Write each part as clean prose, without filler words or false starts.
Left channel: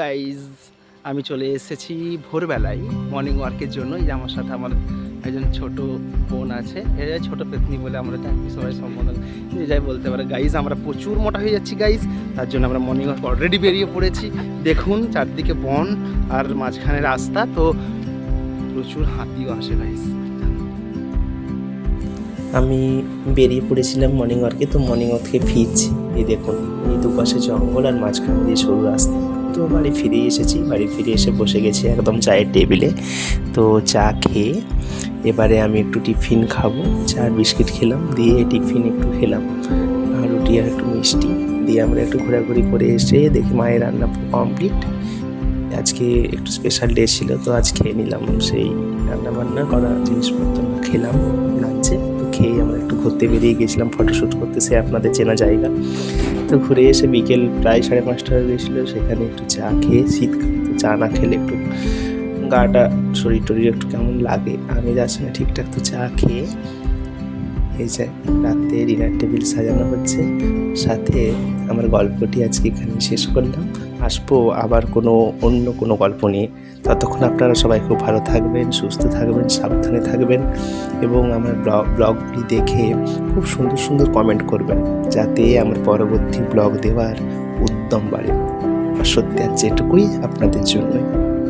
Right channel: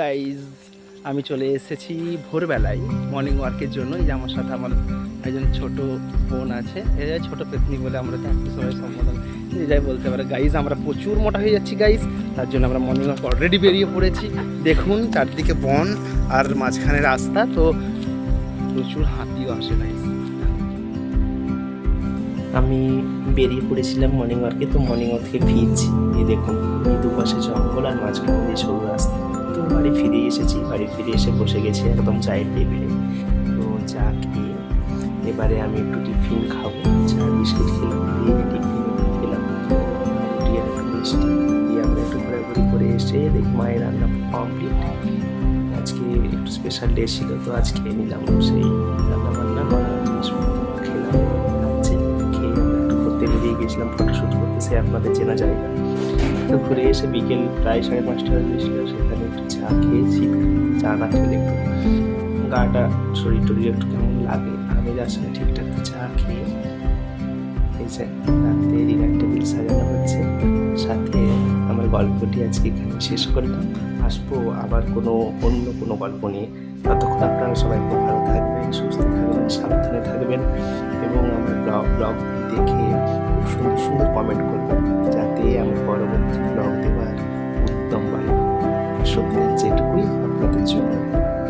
Guys, আমি চলে এসেছি ভোরবেলায় মর্নিং ওয়ার্কের জন্য। এই যে আমার সাথে আমার একজন ছোট বোন আছে, এই ছোট পেতনি বলে আমরা থাকি সবাই সম্বোধন, যাই বলতে পারে। গাইজ, আমরা প্রচুর মোটা হয়ে যাচ্ছি গাইজ, তার জন্য আমরা মর্নিং ওয়ার্ক অলরেডি বেরিয়ে পড়েছি। দেখুন চারদিকে বন আর মাঝখানে রাস্তা, তো প্রচুর হাতিও আসে গাইজ। আমি বেরিয়ে পড়েছিলাম মর্নিং ওয়ার্কে। তো মর্নিং ওয়ার্কে ফিরছি, এই দেখুন ওই দুপাশে জঙ্গল আর মাঝখান দিয়ে সরু রাস্তা। তো বাড়ি ফিরে এসেছি, বাড়ি ফিরে এসে বসে গেছি একদম চায়ের টেবিলে। তো চা খেয়ে এবারে আমি একটু টিফিন খাবো। চা বিস্কিট খেলাম, দিয়ে টিফিন একটু খেলাম, আর রুটি আর একটু মিষ্টি দিয়ে আমরা একটু ঘোরাঘুরি করে এসে দেখি মায়ের রান্না কমপ্লিট। আজকে একটু স্পেশাল ডে ছিল, তো আজ খেয়ে নিলাম সেই রান্না বান্না করা জিনিসপত্র খেলাম লাঞ্চে। খেয়ে আমরা একটু ঘুরতে বেরিয়ে গেছিলাম ফটোশ্যুট করতে, সে আপনাদের চেনা জায়গা। তো ঘুরে এসে বিকেল প্রায় 5:30 হয়ে গেছিলো, সেখানে একটু চা খেয়ে, শীতকাল তো চা না খেলে একটু গাটা শরীর টরীর একটু কেমন লাগে, আমি যাচ্ছি না ঠিকঠাক। তো চা খেয়ে এই যে রাতে ডিনার টেবিল সাজানো হচ্ছে, সাথে আমার গল্পটি আজকে এখানে শেষ করলাম। আসবো আবার অন্য কোনো গল্প নিয়ে। ততক্ষণ আপনারা সবাই খুব ভালো থাকবেন, সুস্থ থাকবেন, সাবধানে থাকবেন, এবং আমার ব্লগটি দেখে খুব সুন্দর সুন্দর কমেন্ট করবেন, যাতে আমার পরবর্তী ব্লগ দেওয়ার উদ্যম বাড়ে। সত্যি আছে এটুকুই আপনাদের জন্য।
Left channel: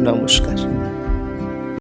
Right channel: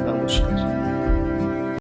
নমস্কার।